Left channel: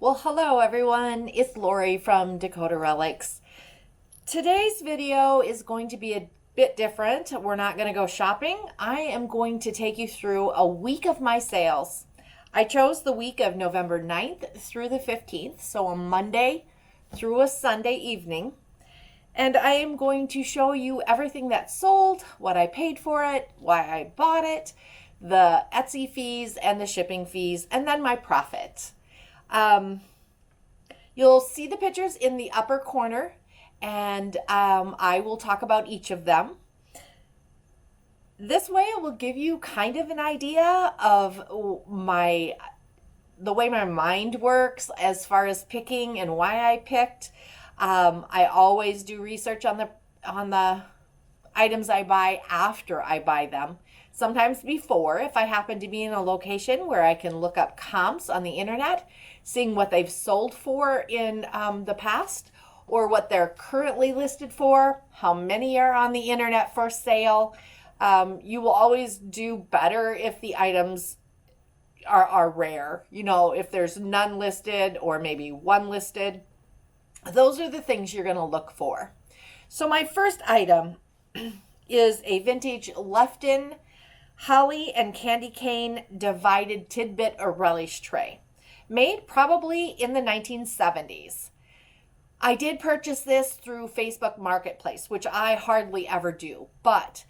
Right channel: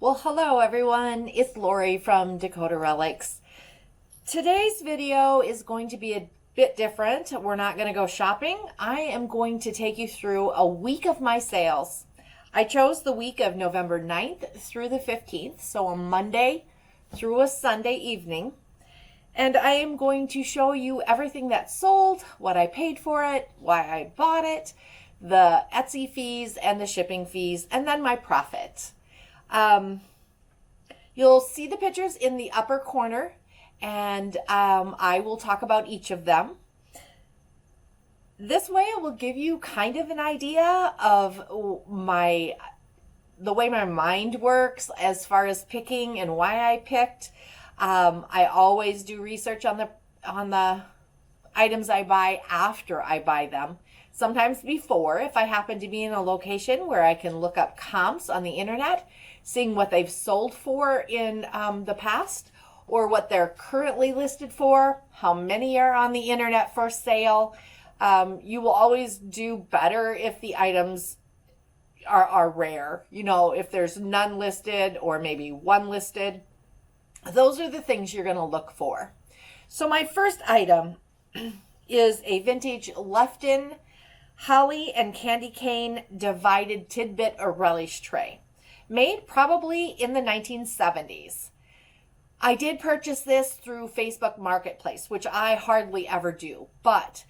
Well, hello everyone. It's Lori from Dakota Relics. Today's video is going to be a bit different. We're not going to go shopping. I am going to take you through a week of my sales. I chose the week of November 9th through the 15th, so a Monday through a Sunday evening. And I am going to show you everything that sold, what I paid for it, why I bought it, the Etsy fees and the shipping fees, and then my profit. You'll see the pictures in the upper corner, and I will talk about each of them. This way it will give you kind of an idea of the way my mind works as far as picking and why I picked. I always do research on the items I buy after I buy them. Sometimes before, if I happen to be in a location where I can look up comps on the internet, seeing what they've sold for in the past, or what they're currently listed for, how many are on the internet for sale. You will always do better if the items are rare. You know, if there's none listed or maybe one listed. Those are the things you're going to look for. So my first item is a vintage Lefton holly and candy cane divided tidbit or relish tray, made probably in the 1970s. I did purchase this through Facebook Marketplace, which I hardly ever do, but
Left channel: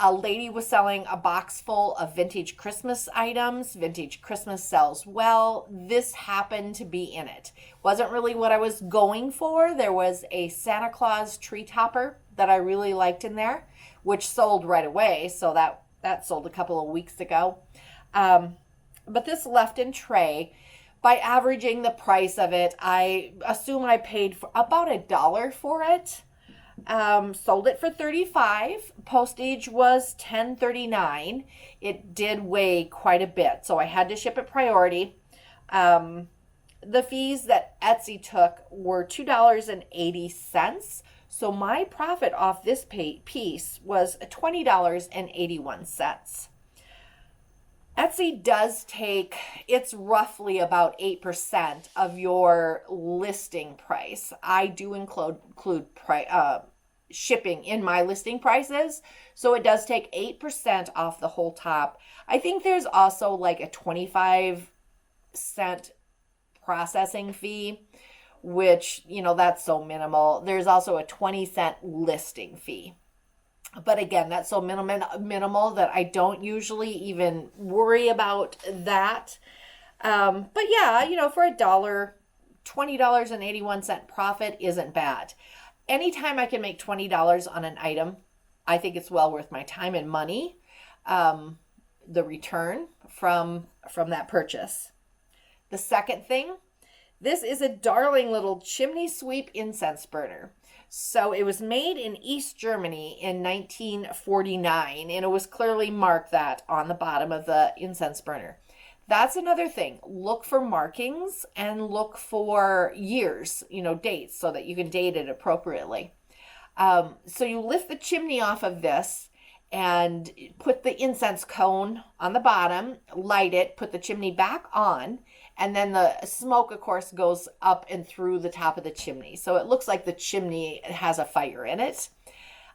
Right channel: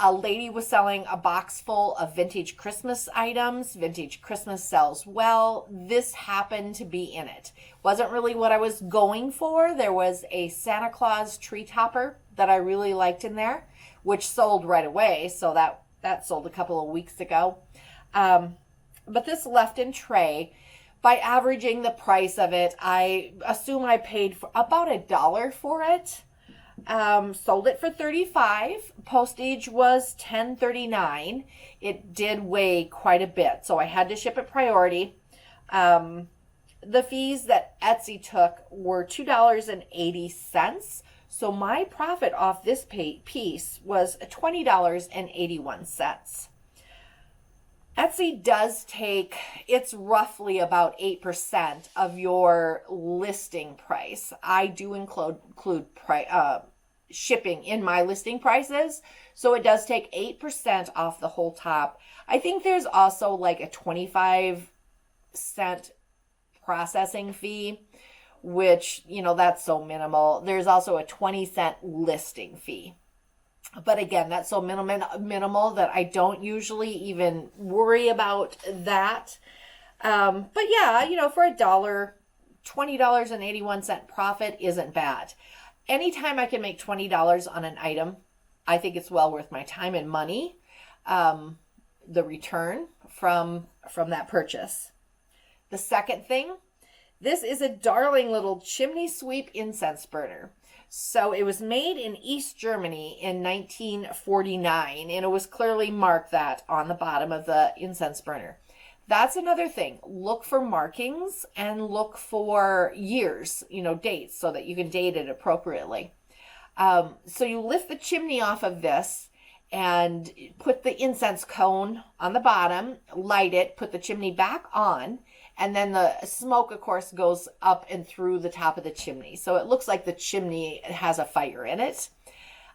a lady was selling a box full of vintage Christmas items. Vintage Christmas sells well. This happened to be in it. Wasn't really what I was going for. There was a Santa Claus tree topper that I really liked in there, which sold right away, so that sold a couple of weeks ago. But this Lefton tray, by averaging the price of it, I assume I paid for about $1 for it. Sold it for $35. Postage was $10.39. It did weigh quite a bit, so I had to ship it priority. The fees that Etsy took were $2.80. So my profit off this piece was $20.81. Etsy does take, it's roughly about 8% of your listing price. I do include shipping in my listing prices, so it does take 8% off the whole top. I think there's also like a 25-cent processing fee, which, you know, that's so minimal. There's also a 20-cent listing fee. But again, that's so minimal that I don't usually even worry about that. But yeah, you know, for $20.81 profit isn't bad. Anytime I can make $20 on an item, I think it's well worth my time and money. The return from that purchase. The second thing, this is a darling little chimney sweep incense burner. So it was made in East Germany in 1949, and it was clearly marked that on the bottom of the incense burner. That's another thing. Look for markings and look for years, you know, dates, so that you can date it appropriately. So you lift the chimney off of this and put the incense cone on the bottom, light it, put the chimney back on, and then the smoke, of course, goes up and through the top of the chimney. So it looks like the chimney has a fire in it.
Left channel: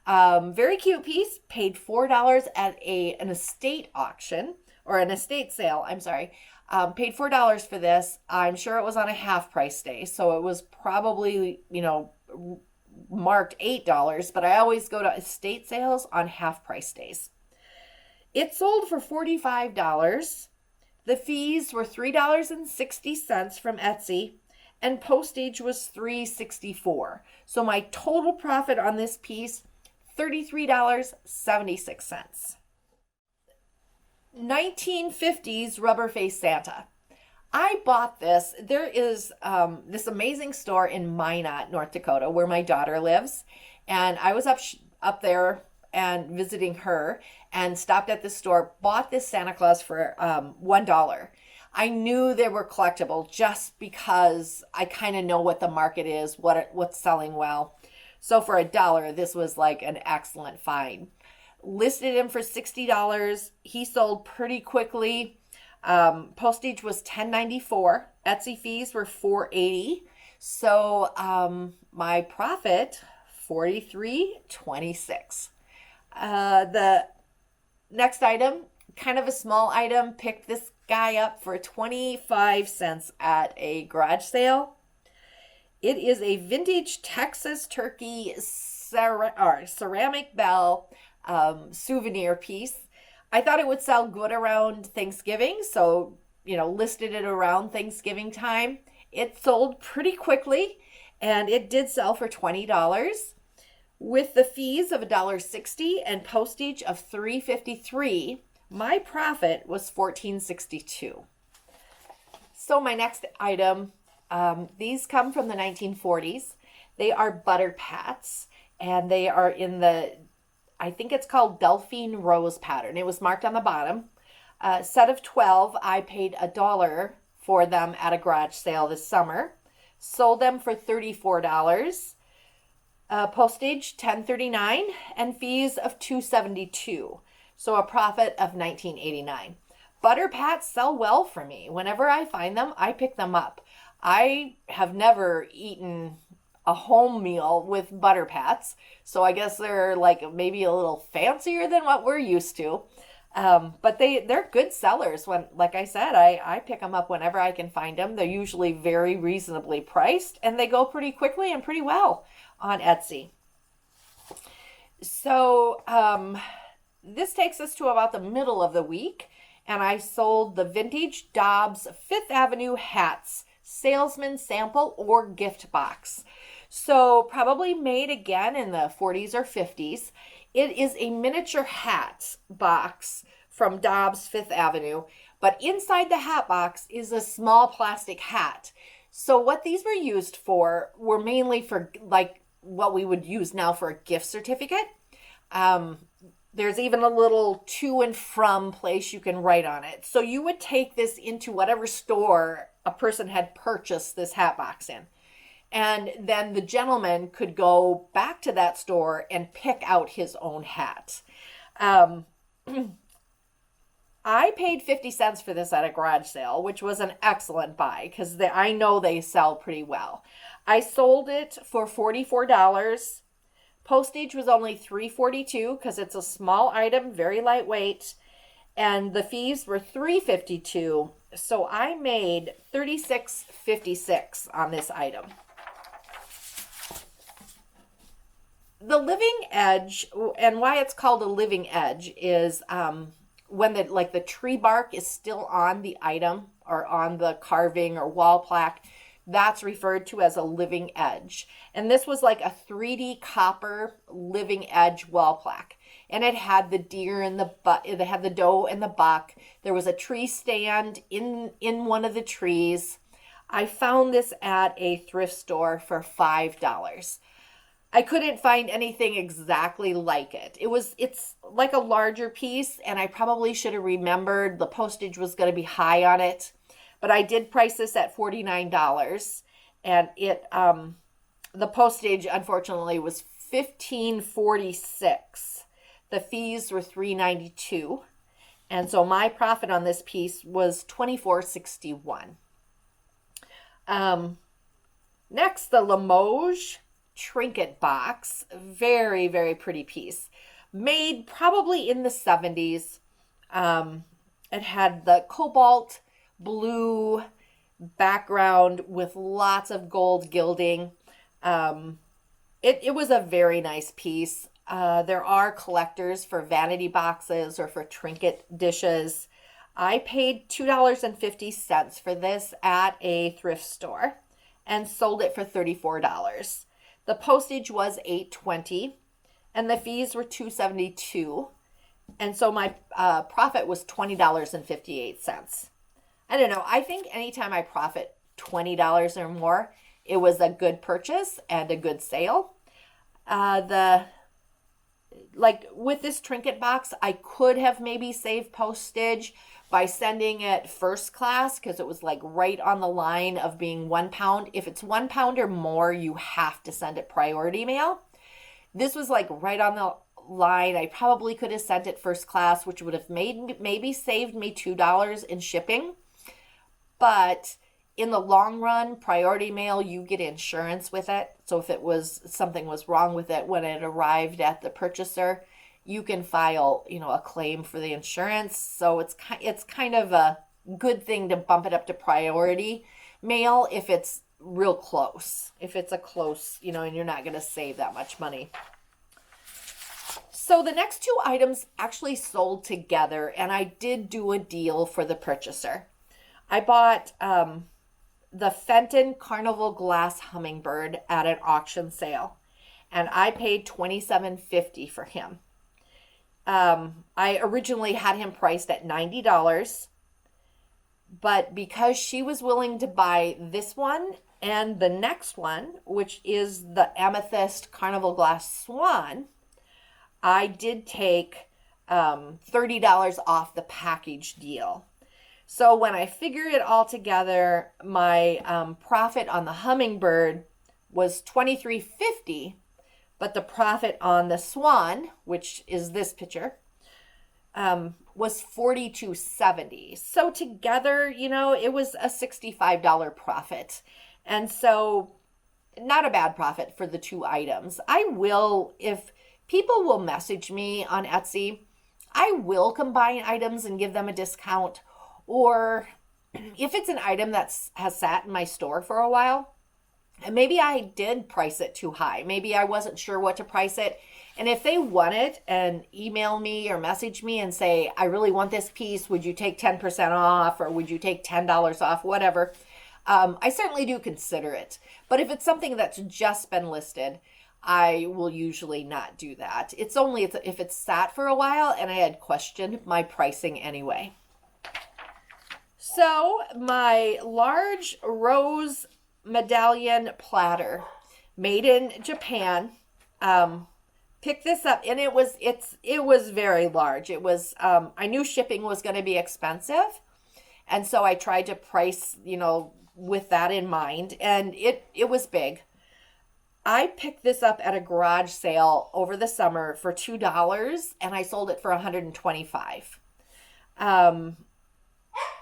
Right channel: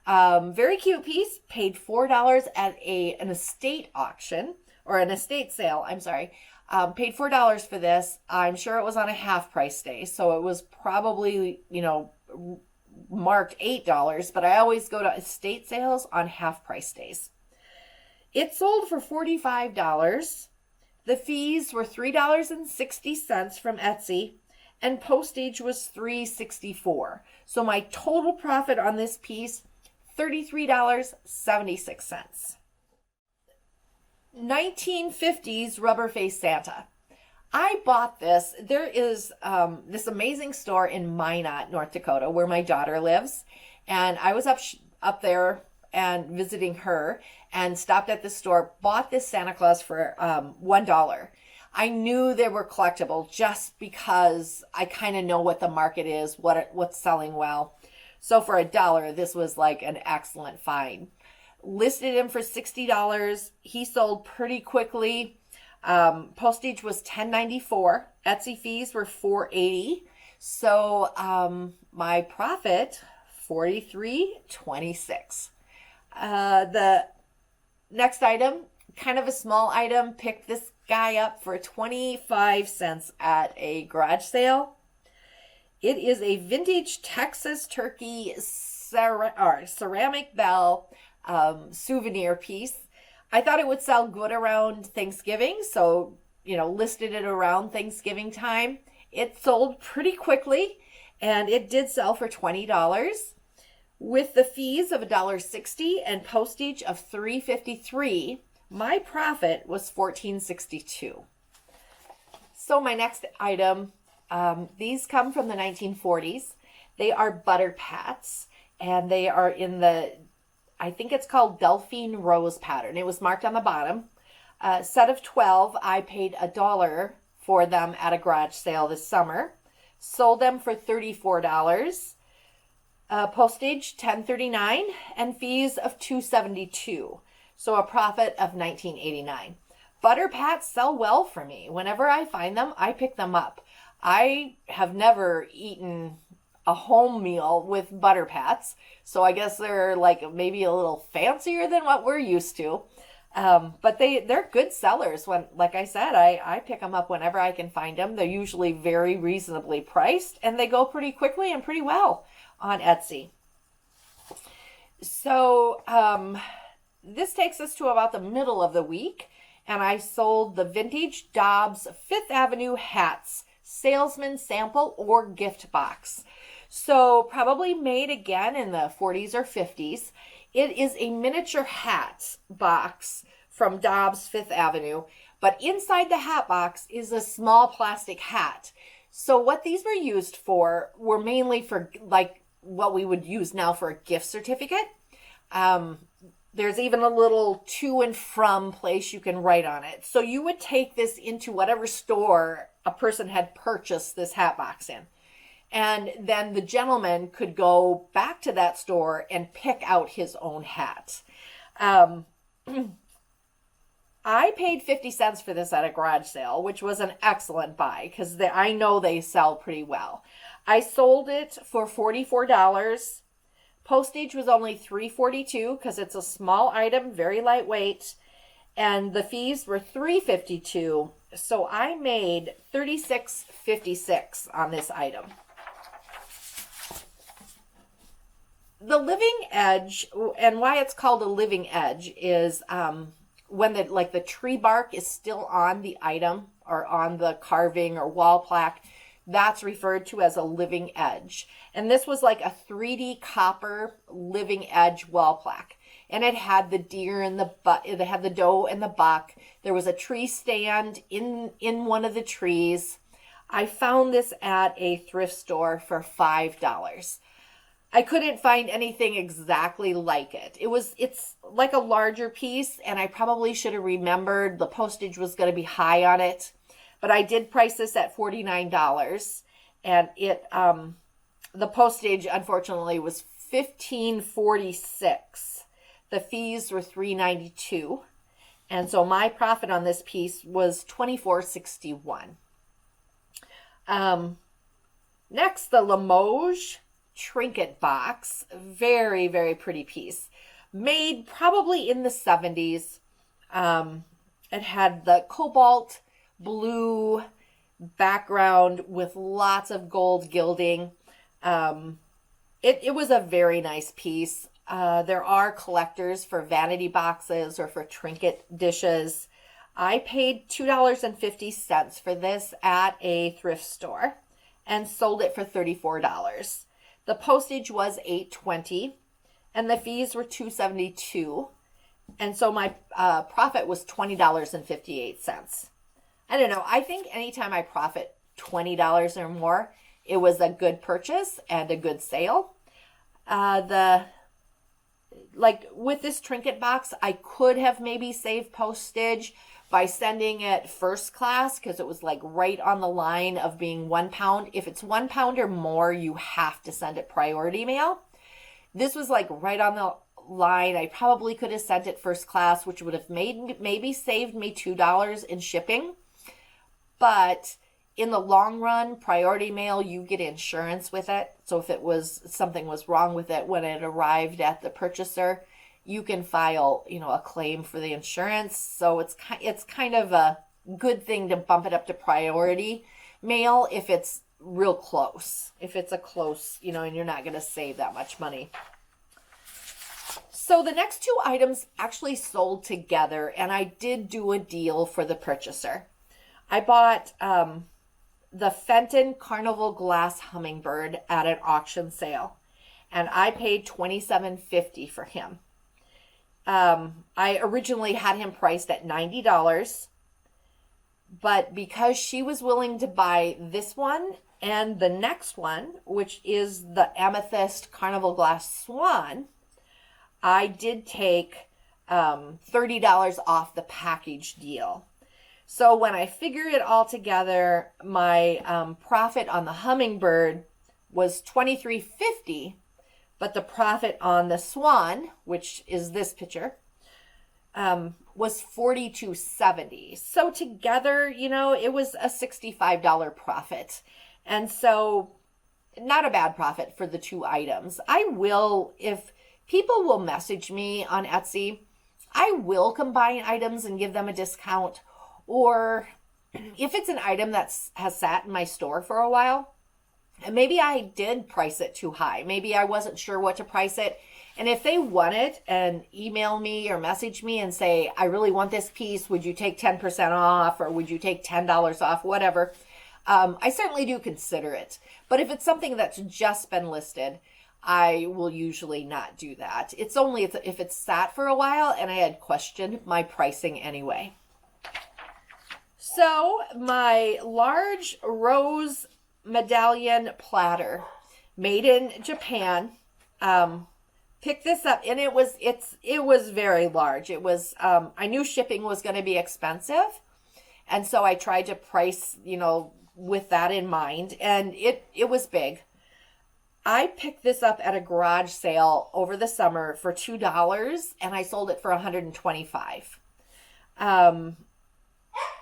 Very cute piece. Paid $4 at an estate auction, or an estate sale, I'm sorry. Paid $4 for this. I'm sure it was on a half price day, so it was probably, you know, marked $8, but I always go to estate sales on half price days. It sold for $45. The fees were $3.60 from Etsy, and postage was $3.64. So my total profit on this piece, $33.76. 1950s rubber face Santa. I bought this. There is this amazing store in Minot, North Dakota, where my daughter lives, and I was up there and visiting her, and stopped at the store, bought this Santa Claus for $1. I knew they were collectible just because I kind of know what the market is, what's selling well. So for $1, this was like an excellent find. Listed him for $60. He sold pretty quickly. Postage was $10.94. Etsy fees were $4.80. So my profit, $43.26. The next item, kind of a small item, picked this guy up for 25 cents at a garage sale. It is a vintage Texas turkey ceramic bell souvenir piece. I thought it would sell good around Thanksgiving, so, listed it around Thanksgiving time. It sold pretty quickly, and it did sell for $20. With the fees of $1.60 and postage of $3.53, my profit was $14.62. So my next item, these come from the 1940s. They are butter pats, and they are in I think it's called Delphine Rose pattern. It was marked on the bottom. Set of 12, I paid $1 for them at a garage sale this summer. Sold them for $34. Postage $10.39 and fees of $2.72. So a profit of $19.89. Butter pats sell well for me. Whenever I find them, I pick them up. I have never eaten a home meal with butter pats, so I guess they're like maybe a little fancier than what we're used to. But they're good sellers. When, like I said, I pick them up whenever I can find them. They're usually very reasonably priced, and they go pretty quickly and pretty well on Etsy. So this takes us to about the middle of the week, and I sold the vintage Dobbs Fifth Avenue hats, salesman sample or gift box. So probably made again in the 40s or 50s. It is a miniature hat box from Dobbs Fifth Avenue, but inside the hat box is a small plastic hat. So what these were used for were mainly for like what we would use now for a gift certificate. There's even a little to and from place you can write on it. So you would take this into whatever store a person had purchased this hat box in. And then the gentleman could go back to that store and pick out his own hat. I paid 50 cents for this at a garage sale, which was an excellent buy because I know they sell pretty well. I sold it for $44. Postage was only $3.42 because it's a small item, very lightweight. And the fees were $3.52. So I made $36.56 on this item. The living edge, and why it's called a living edge, is when the tree bark is still on the item or on the carving or wall plaque. That's referred to as a living edge. And this was like a 3D copper living edge wall plaque. And it had the deer and it had the doe and the buck. There was a tree stand in one of the trees. I found this at a thrift store for $5. I couldn't find anything exactly like it. It's like a larger piece, and I probably should have remembered the postage was going to be high on it. But I did price this at $49, and the postage unfortunately was $15.46. The fees were $3.92, and so my profit on this piece was $24.61. Next, the Limoges trinket box, very, very pretty piece, made probably in the 70s. It had the cobalt blue background with lots of gold gilding. It was a very nice piece. There are collectors for vanity boxes or for trinket dishes. I paid $2.50 for this at a thrift store and sold it for $34. The postage was $8.20 and the fees were $2.72. And so my profit was $20.58. I don't know. I think anytime I profit $20 or more, it was a good purchase and a good sale. With this trinket box, I could have maybe saved postage by sending it first class because it was like right on the line of being 1 pound. If it's 1 pound or more, you have to send it priority mail. This was like right on the line. I probably could have sent it first class, which would have maybe saved me $2 in shipping. But in the long run, priority mail, you get insurance with it. So if something was wrong with it when it arrived at the purchaser, you can file, a claim for the insurance. So it's kind of a good thing to bump it up to priority mail if it's real close. If it's a close, and you're not going to save that much money. So the next two items actually sold together, and I did do a deal for the purchaser. I bought the Fenton Carnival Glass Hummingbird at an auction sale, and I paid $27.50 for him. I originally had him priced at $90, but because she was willing to buy this one and the next one, which is the Amethyst Carnival Glass Swan, I did take $30 off the package deal. So when I figured it all together, my profit on the Hummingbird was $23.50, but the profit on the Swan, which is this picture, was $42.70. So together, it was a $65 profit. And so not a bad profit for the two items. If people will message me on Etsy, I will combine items and give them a discount. Or if it's an item that has sat in my store for a while, and maybe I did price it too high. Maybe I wasn't sure what to price it. And if they want it and email me or message me and say, I really want this piece, would you take 10% off, or would you take $10 off, whatever, I certainly do consider it. But if it's something that's just been listed, I will usually not do that. It's only if it's sat for a while and I had questioned my pricing anyway. So my large rose medallion platter, made in Japan, picked this up, and it was very large. It was I knew shipping was going to be expensive, and so I tried to price with that in mind, and it was big. I picked this up at a garage sale over the summer for $2, and I sold it for $125.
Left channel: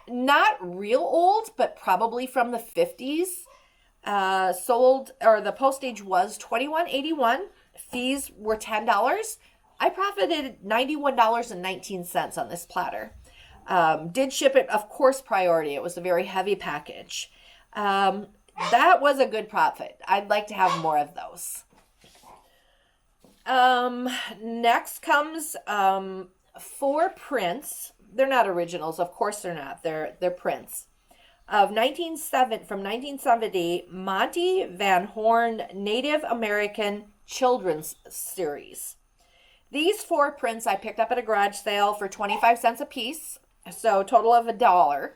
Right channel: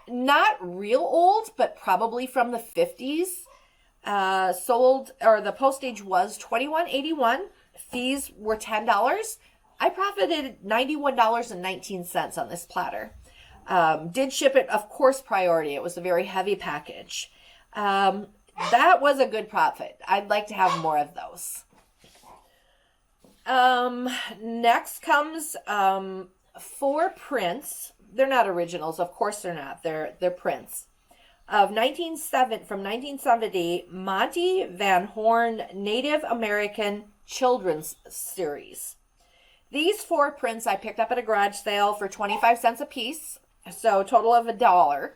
Not real old, but probably from the 50s. The postage was $21.81. Fees were $10. I profited $91.19 on this platter. Did ship it, of course, priority. It was a very heavy package. That was a good profit. I'd like to have more of those. Next comes 4 prints. They're not originals, of course they're not. They're prints from 1970, Monty Van Horn Native American Children's Series. These 4 prints I picked up at a garage sale for 25 cents a piece, so a total of $1,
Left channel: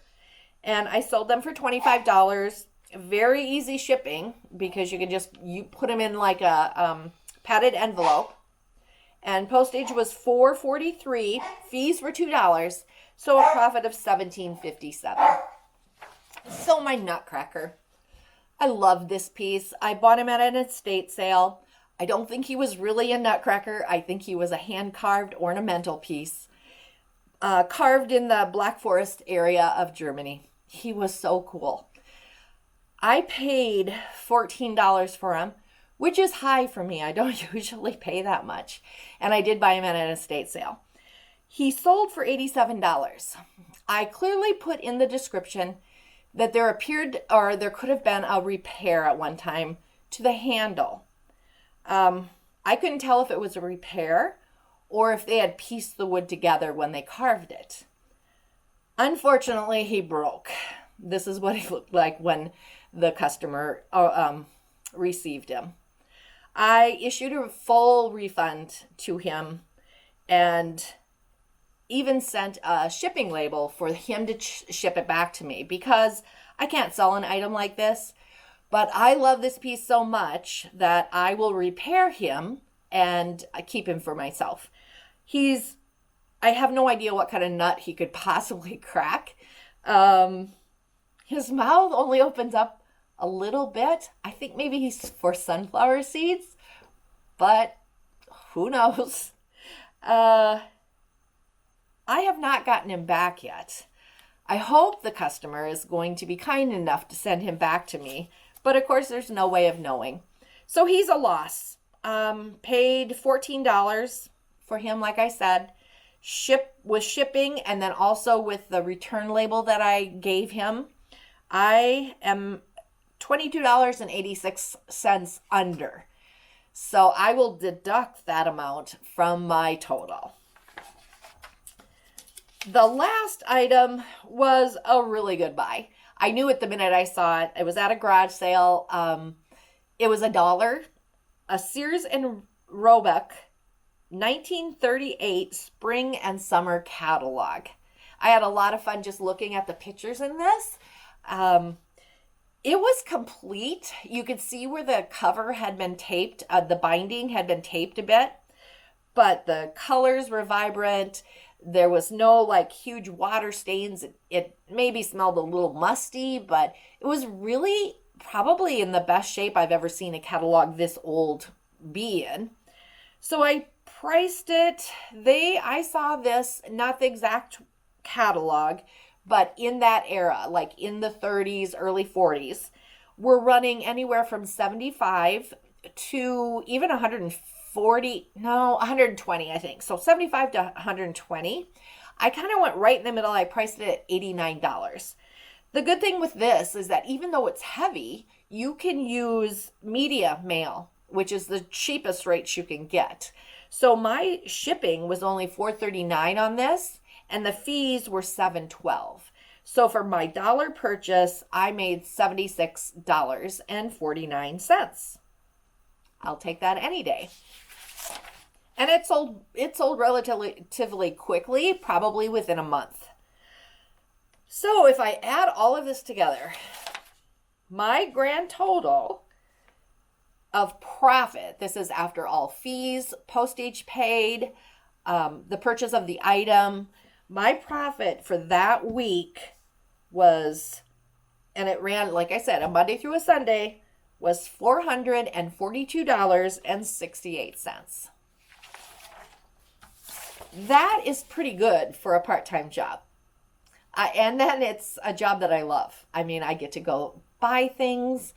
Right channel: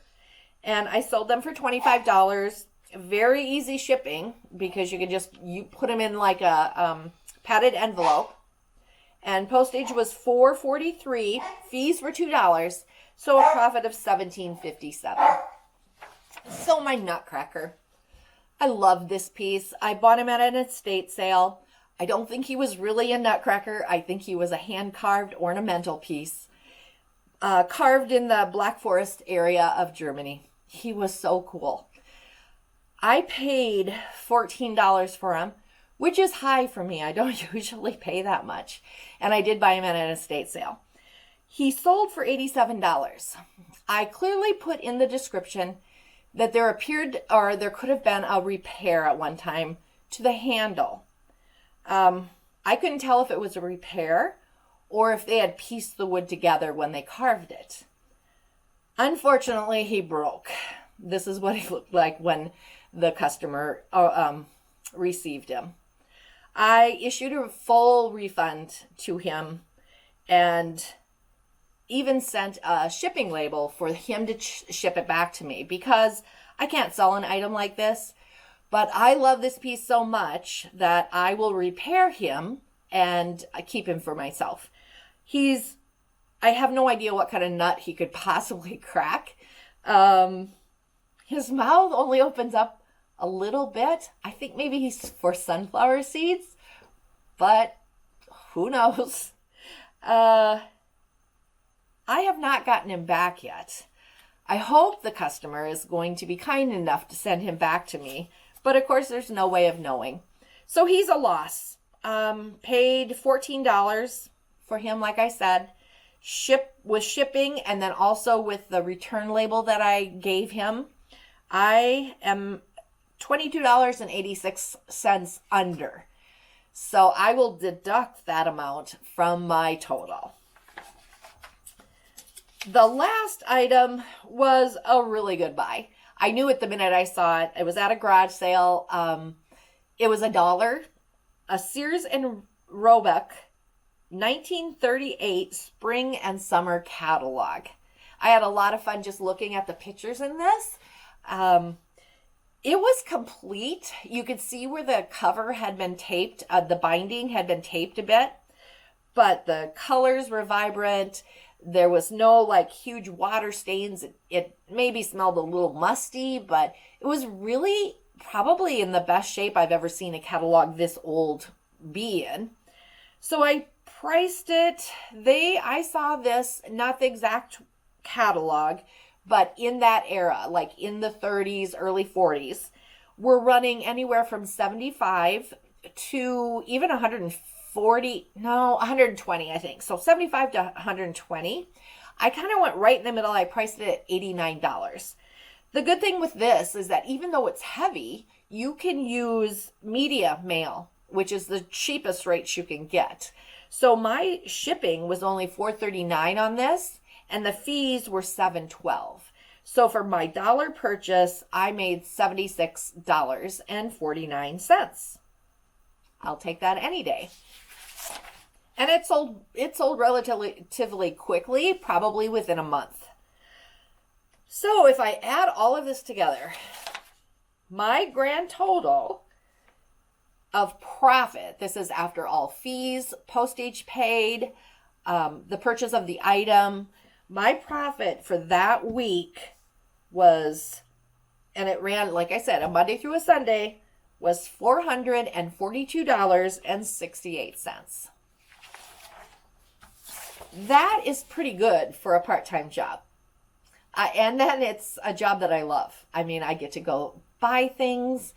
and I sold them for $25. Very easy shipping because you put them in like a padded envelope. And postage was $4.43. Fees were $2. So a profit of $17.57. So my Nutcracker. I love this piece. I bought him at an estate sale. I don't think he was really a Nutcracker. I think he was a hand-carved ornamental piece. Carved in the Black Forest area of Germany. He was so cool. I paid $14 for him, which is high for me. I don't usually pay that much. And I did buy him at an estate sale. He sold for $87. I clearly put in the description that there could have been a repair at one time to the handle. I couldn't tell if it was a repair or if they had pieced the wood together when they carved it. Unfortunately, he broke. This is what he looked like when the customer received him. I issued a full refund to him and even sent a shipping label for him to ship it back to me because I can't sell an item like this, but I love this piece so much that I will repair him and keep him for myself. I have no idea what kind of nut he could possibly crack. His mouth only opens up a little bit. I think maybe he's for sunflower seeds, but who knows? I have not gotten him back yet. I hope the customer is going to be kind enough to send him back to me, but of course there's no way of knowing. So he's a loss. Paid $14 for him, like I said, with shipping, and then also with the return label that I gave him. I am $22.86 under. So I will deduct that amount from my total. The last item was a really good buy. I knew it the minute I saw it. It was at a garage sale. It was $1. A Sears and Roebuck 1938 spring and summer catalog. I had a lot of fun just looking at the pictures in this. It was complete. You could see where the cover had been taped. The binding had been taped a bit, but the colors were vibrant. There was no like huge water stains. It maybe smelled a little musty, but it was really probably in the best shape I've ever seen a catalog this old be in. So I priced it. I saw this, not the exact catalog, but in that era, like in the 30s, early 40s, we're running anywhere from 75 to even 120, I think. So 75 to 120. I kind of went right in the middle. I priced it at $89. The good thing with this is that even though it's heavy, you can use media mail, which is the cheapest rates you can get. So my shipping was only $4.39 on this, and the fees were $7.12. So for my dollar purchase, I made $76.49. I'll take that any day. And it sold relatively quickly, probably within a month. So if I add all of this together, my grand total of profit, this is after all fees, postage paid, the purchase of the item, my profit for that week was, and it ran, like I said, a Monday through a Sunday, was $442.68. That is pretty good for a part-time job. And then it's a job that I love. I mean, I get to go buy things,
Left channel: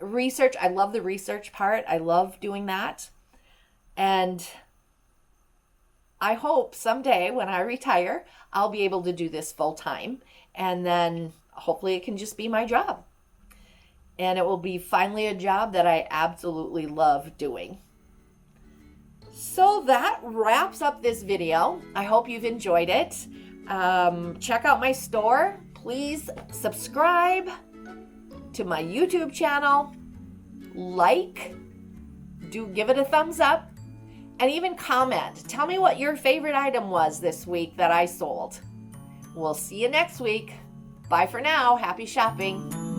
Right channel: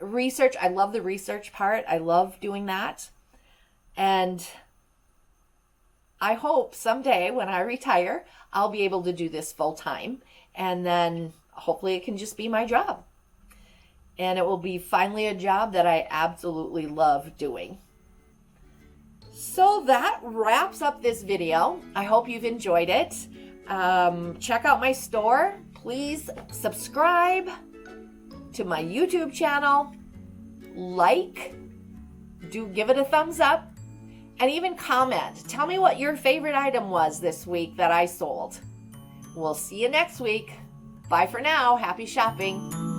research. I love the research part. I love doing that. And I hope someday when I retire, I'll be able to do this full time. And then hopefully it can just be my job. And it will be finally a job that I absolutely love doing. So that wraps up this video. I hope you've enjoyed it. Check out my store. Please subscribe to my YouTube channel. Give it a thumbs up, and even comment. Tell me what your favorite item was this week that I sold. We'll see you next week. Bye for now. Happy shopping.